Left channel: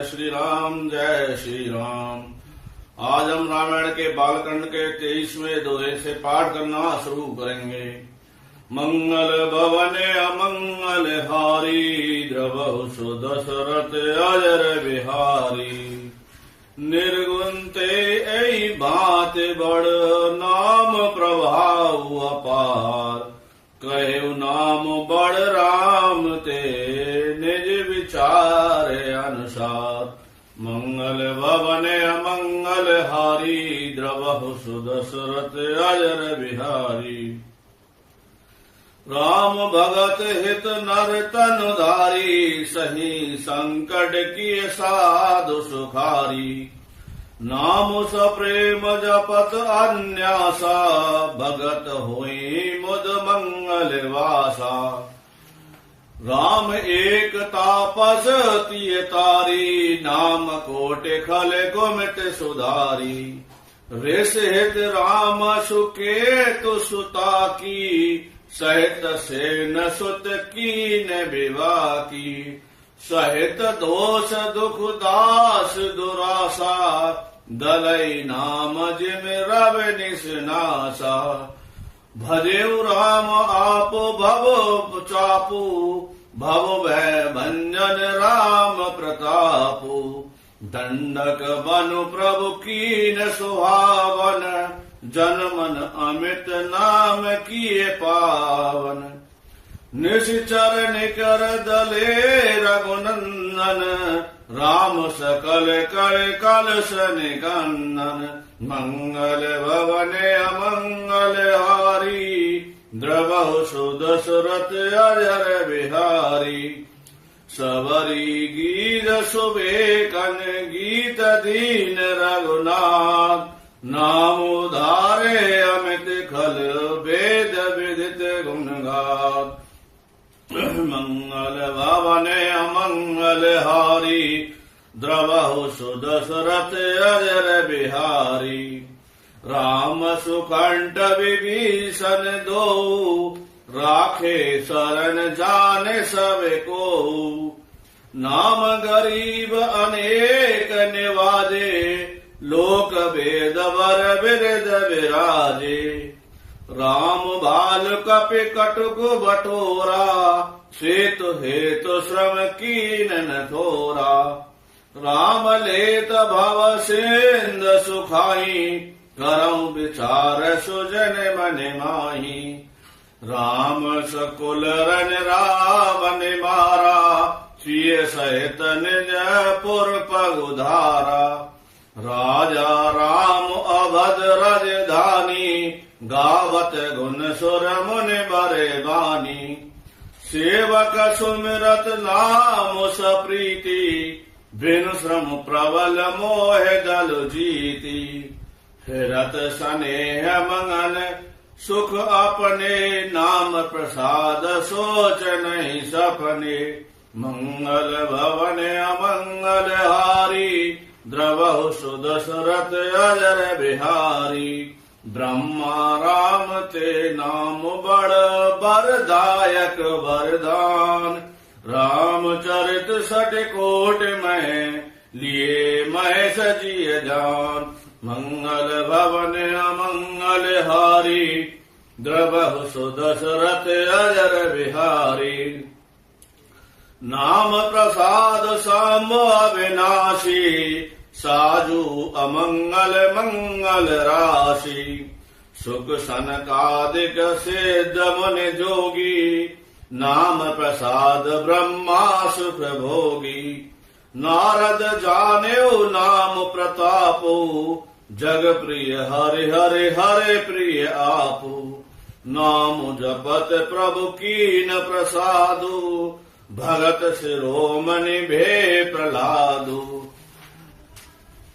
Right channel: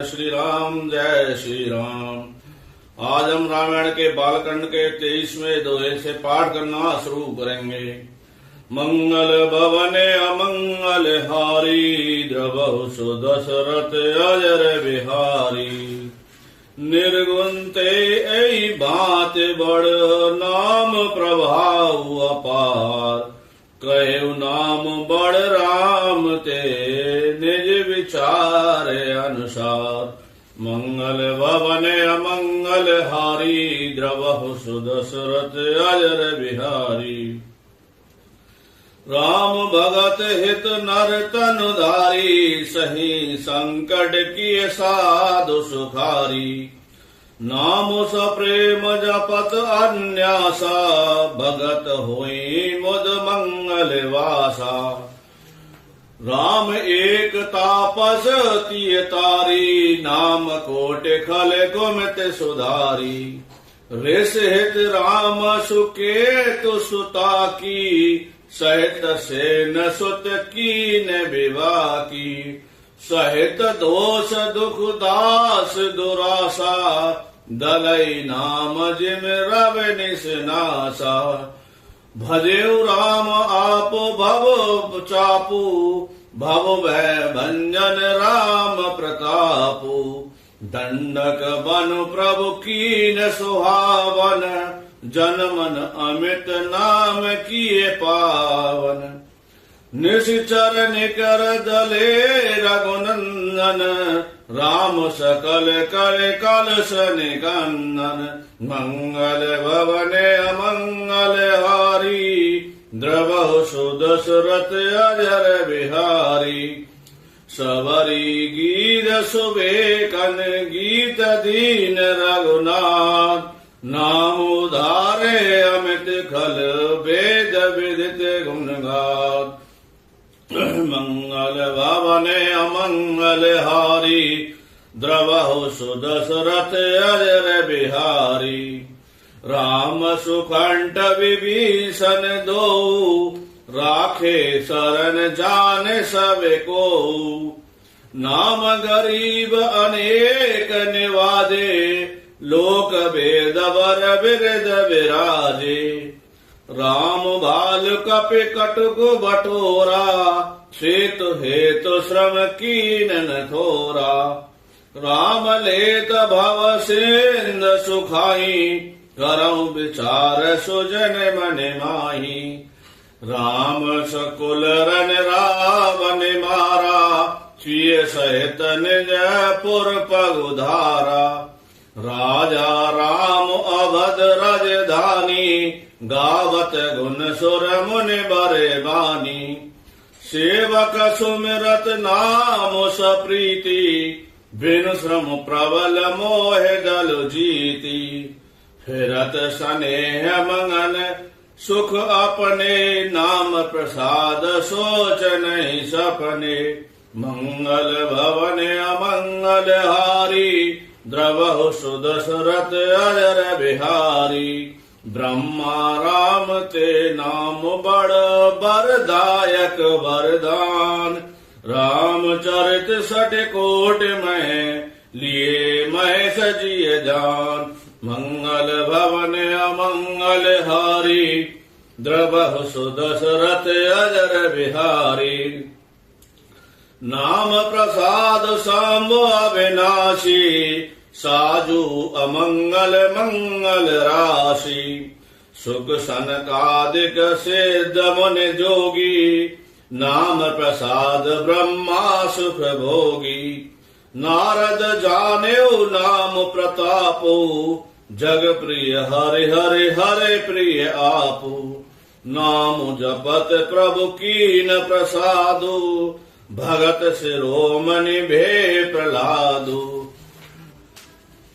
श्री राम, जय श्री राम। आज हम रामायण के बालकांड के 23वें दोहे से पाठ करना शुरू करेंगे। मंगल भवने अमंगल हारी, द्रवहु सु दशरथ अजर बिहारी। निर्गुण ते ऐ बात बड़, नाम प्रभाव अपार। कहु नाम बड़ राम ते, निज विचार अनुसार। मंगल भवने अमंगल हारी, द्रवहु सु दशरथ अजर बिहारी। राम भगत हित नर तनु धारी, सही संकट किए साधु सुखारी। नाम सप्रेम जपत अन्यासा, भगत होई मुद मंगल वासा। राम एक तापस तिय तारी, नाम कोट खल गुमित सुधारी। ऋष हित राम सुकेतु सुता की, सहित सेन सुत कीन विवाह की। सहित दोष दुख दास दुरासा, दलई नाम जिम रव निसनासा। भजेउ राम आप भव चापू, भव भय भंजन राम प्रतापू। दंडक बनु प्रभु कीन सुहावन, जन मन अमित नाम किए पावन। निश्चर निकर दले रघुनंदन, राम सकल कर कलश निकंदन। मंगल भवने अमंगल हारी, द्रवहु सु दशरथ अजर बिहारी। सबरी गीत सुबेकन, गीत दीन रघुनाथ। नाम उधारे अमित खल, वेद विदित गुण गाथ। मंगल भवने अमंगल हारी, द्रवहु सु दशरथ अजर बिहारी। राम सुकंठ विभीषण दो, राखे शरण जाने सब को। नाम गरीब अनेक निवाजे, लोक भेद बर बिरद विराजे। राम बाल कपि कटुक बटोरा, सेतु हेतु श्रम कीन न थोरा। राम लेत भव सिंध सुखाई, करऊ विचार सुजन मन माही। राम सकुल रन रावण मारा, स्वीय सहित निज पुर पगुधारा। राजा राम अवध राजधानी, गावत गुण सुर मुनि बरे बानी। सेवक सुमिरत नाम सप्रीति, बिनु श्रम प्रबल मोह दल जीती। फिरत स्नेह मंगन सुख अपने, नाम प्रसाद सोच नहीं सपने। मंगल भवने अमंगल हारी, द्रवहु सु दशरथ अजर बिहारी। ब्रह्मा राम ते नाम बड़, बरदायक वरदान। रामचरित सठ कोट में, लिए महेश जिय जान। मंगल भवने अमंगल हारी, द्रवहु सु दशरथ अजर बिहारी। नाम प्रसाद सांब अविनाशी, साजू अमंगल मंगल राशि। सुख सनकादिक सिद्ध मुनि जोगी, नाम प्रसाद ब्रह्मा सुख भोगी। नारद जानेउ नाम प्रतापो, जग प्रिय हरि हरि हरि प्रिय आपो। नाम जपत प्रभु कीन प्रसादो, भगत शिरोमणि भे प्रहलादो।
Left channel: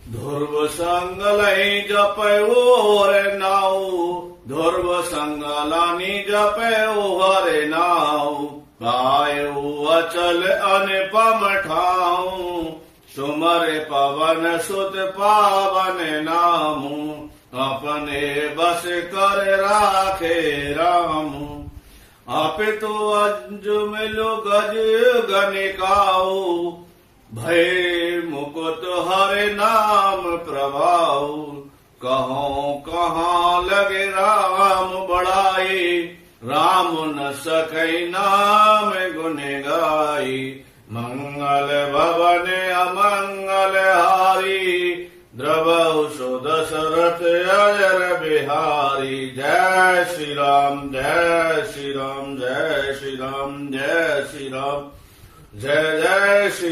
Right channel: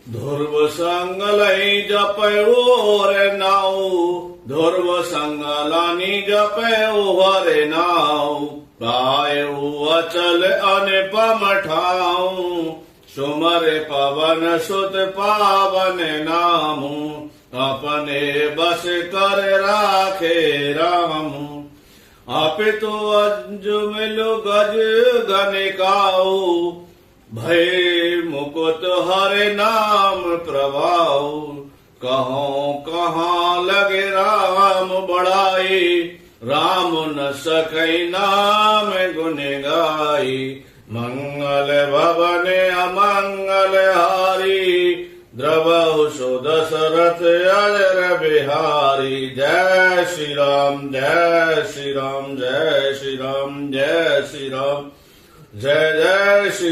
ध्रुव संग लई जपयो रे नाऊ, ध्रुव संग लानी जपयो हरे नाऊ। पायु अचल अनुपम ठाऊ, सुमर पवन सुत पावन नामू। अपने बस कर राखे रामू। अपितु अजुमिलु गज गनिकाऊ, भय नाम प्रभाव। कहो कहाँ लगे राम बड़ाई, राम न सकै नाम गुण गाई। मंगल भवन अमंगल हारी, द्रवहु सो दशरथ अजर बिहारी। जय श्री राम जय श्री राम जय श्री राम जय श्री राम जय जय श्री